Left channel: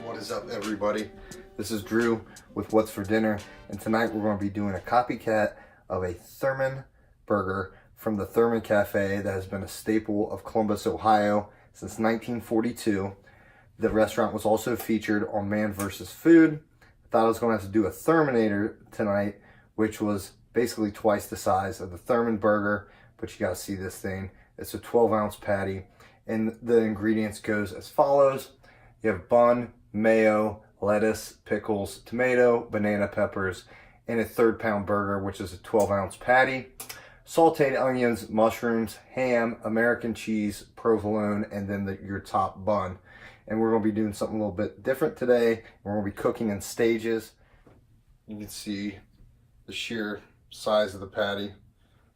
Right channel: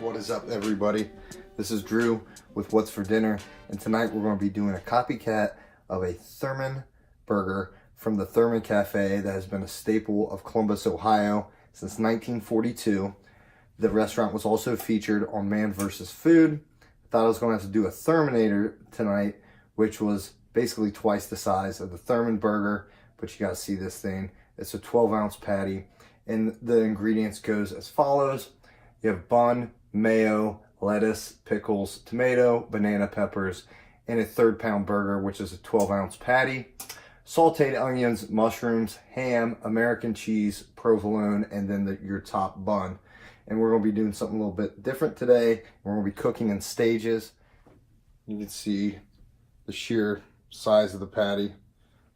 What is up, everybody? This is Drew with What's for Dinner, and tonight we're going to be doing a copycat of a Thurman burger from the Thurman Cafe that has been a staple of Columbus, Ohio since 1942. The restaurant was also featured on Man vs. Food. I thought I was going to have to do a Thurminator tonight, which was basically twice the size of the Thurman burger, but you got to see this thing. It's a 12-ounce patty, and the ingredients goes as follows. You have bun, mayo, lettuce, pickles, tomato, banana peppers, and a 3rd-pound burger, which is a 12-ounce patty. Sauteed onions, mushrooms, ham, American cheese, provolone, and then your top bun. And we're going to be doing something a little bit different today. We're going to be cooking in stages. You can see the sheer size of the patty.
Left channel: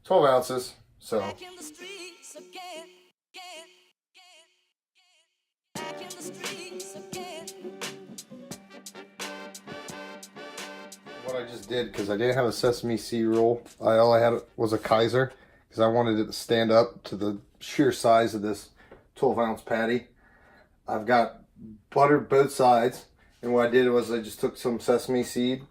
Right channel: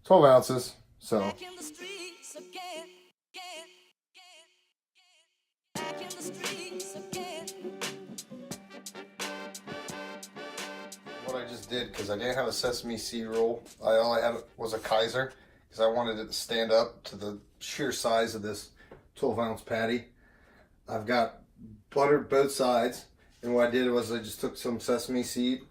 12 ounces. So back in the streets again. Back in the streets again. What I just did, because I didn't have a sesame seed roll, all I had was a Kaiser, because I wanted it to stand up to the sheer size of this 12-ounce patty. I've got buttered both sides, and what I did was I just took some sesame seed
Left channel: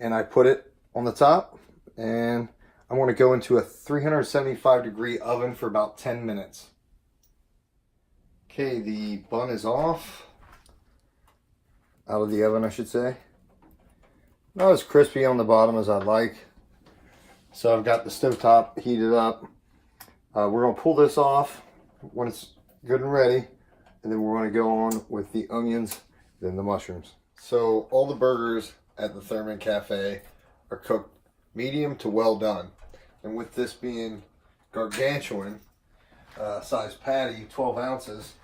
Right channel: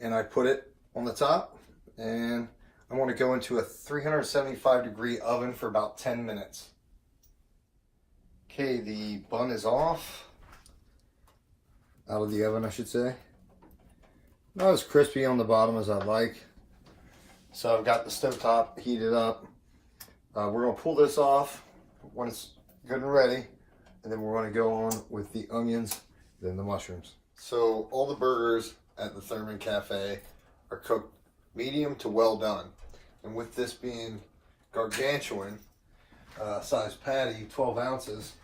and I put it on the top, and I want to go into a 375-degree oven for about 10 minutes. Okay, the bun is off. Out of the oven, I should say. Not as crispy on the bottom as I'd like. So I've got the stovetop heated up. We're going to pull this off when it's good and ready. And then we're going to go on with the onions, then the mushrooms. So all the burgers at the Thurman Cafe are cooked medium to well done. And with this being gargantuan size patty, 12 ounces,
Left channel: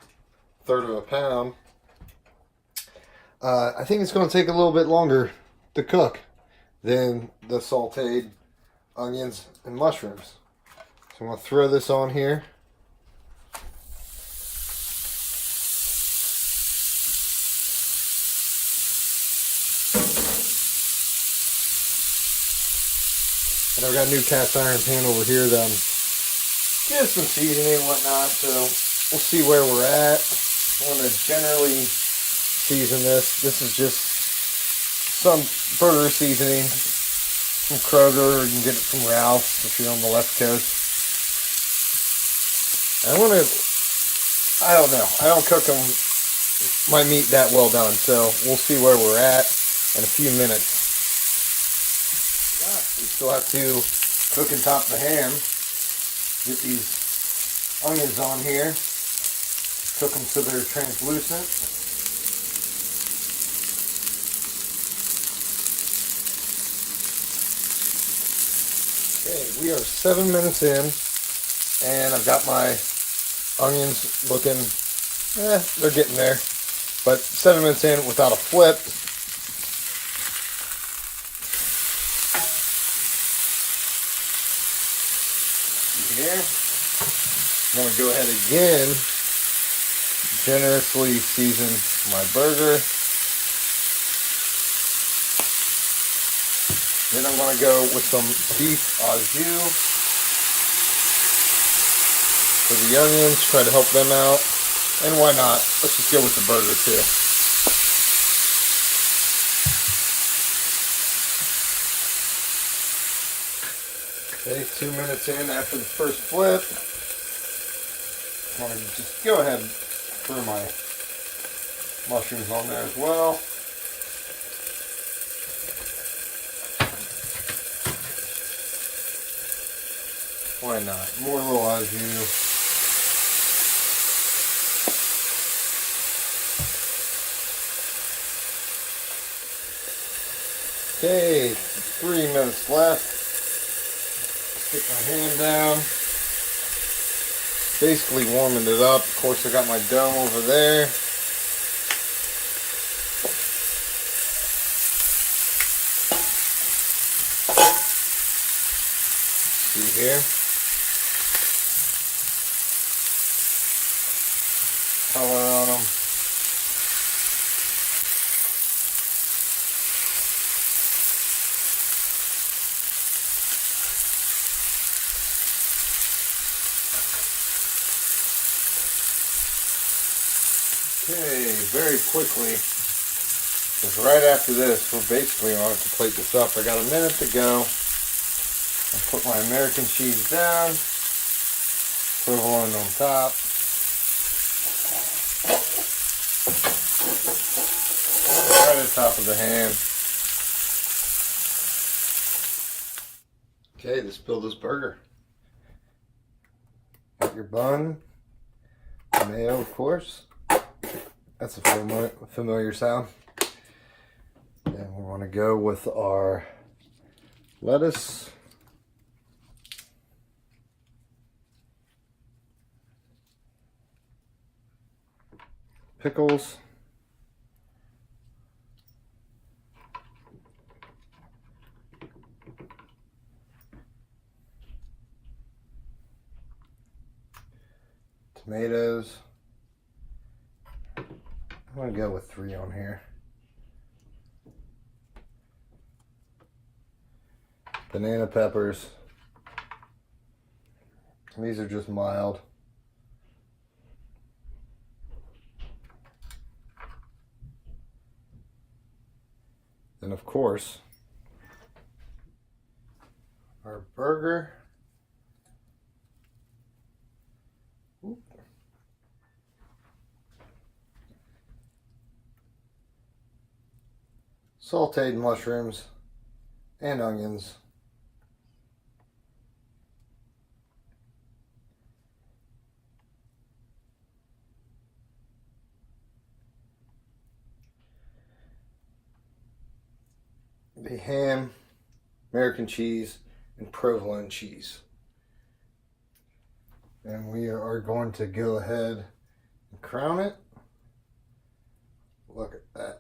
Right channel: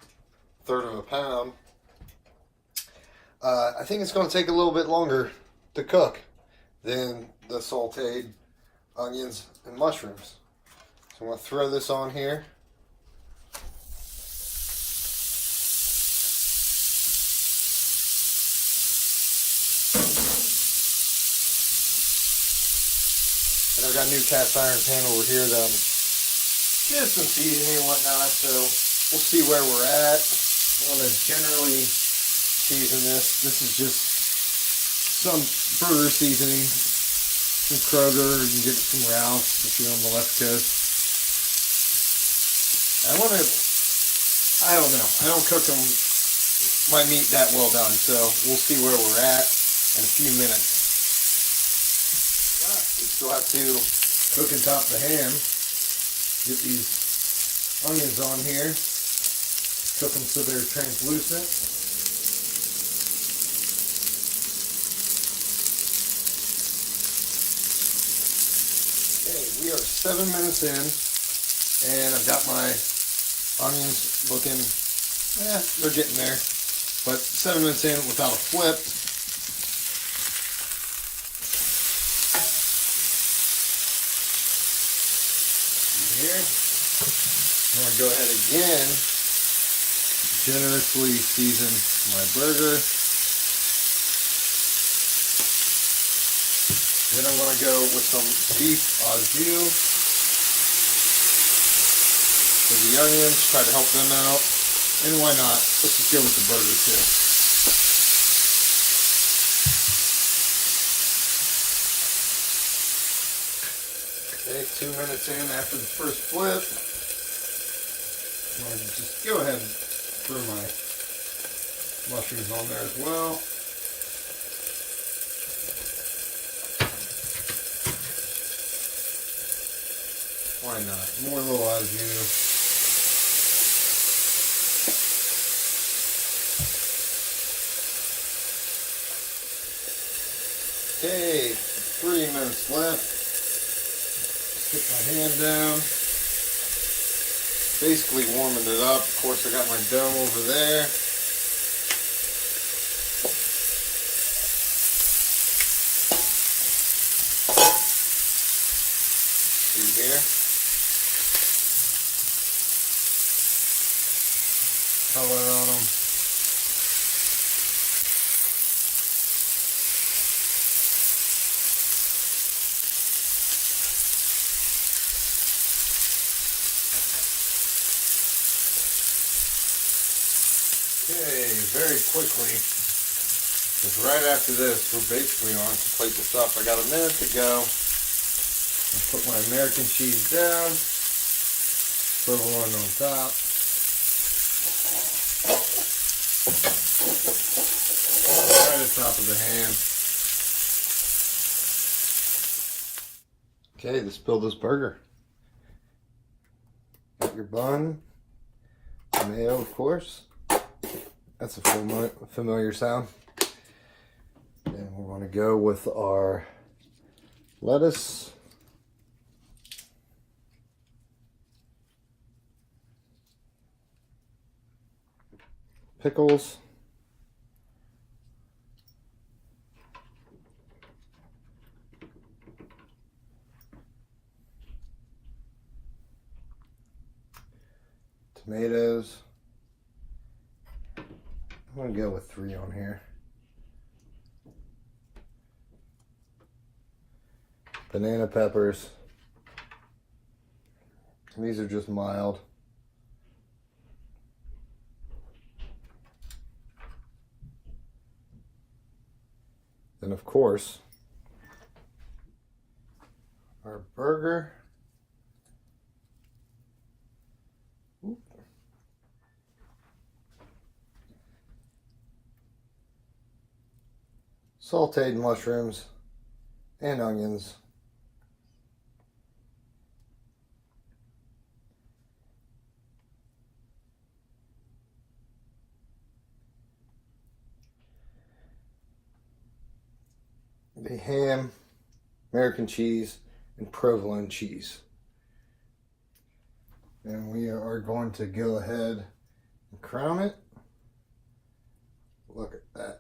1/3 of a pound, I think it's going to take a little bit longer to cook than the sauteed onions and mushrooms. So I'm going to throw this on here. And I've got a new cast iron pan over here that I'm just some seasoning and whatnot, so we'll see where we're at. I'm going to generally season this. This is just some burger seasoning from Kroger, or you can get it from Ralph's if you're on the left coast. I don't know. I don't cook my meat that well done, so we'll see where we're at in a few minutes. We still have to cook and top the ham. Get these onions on here. Cook them so they're translucent. Okay, we are 7 minutes in, and I've got my onions looking, they're getting there. But 7 minutes in without a flip. Here. I'm going to go ahead again, generously season my burger. Then I'm going to go with some beef au jus for the onions, try to help them out. And why not? Let's just go with the burger too. Okay, 2 minutes in after the first flip. I'm going to just go ahead and throw my mushrooms on there as well. Why not? More little au jus. Okay, 3 minutes left. Stick my hand down. Basically warming it up. Of course, I got my dough over there. See here. Color on them. Okay, very quickly Because right after this, we're basically going to plate this up. I got a minute to go. I put my American cheese down, provolone on top. Right at the top of the ham. Okay, let's build this burger. Got your bun, mayo, of course. That's a familiar sound. And we want to go with our lettuce. Pickles. Tomatoes. I'm going to go with 3 on here. Banana peppers. These are just mild. Then of course, our burger. Sauteed mushrooms and onions. The ham, American cheese, and provolone cheese. And we are going to go ahead and crown it. Look at that.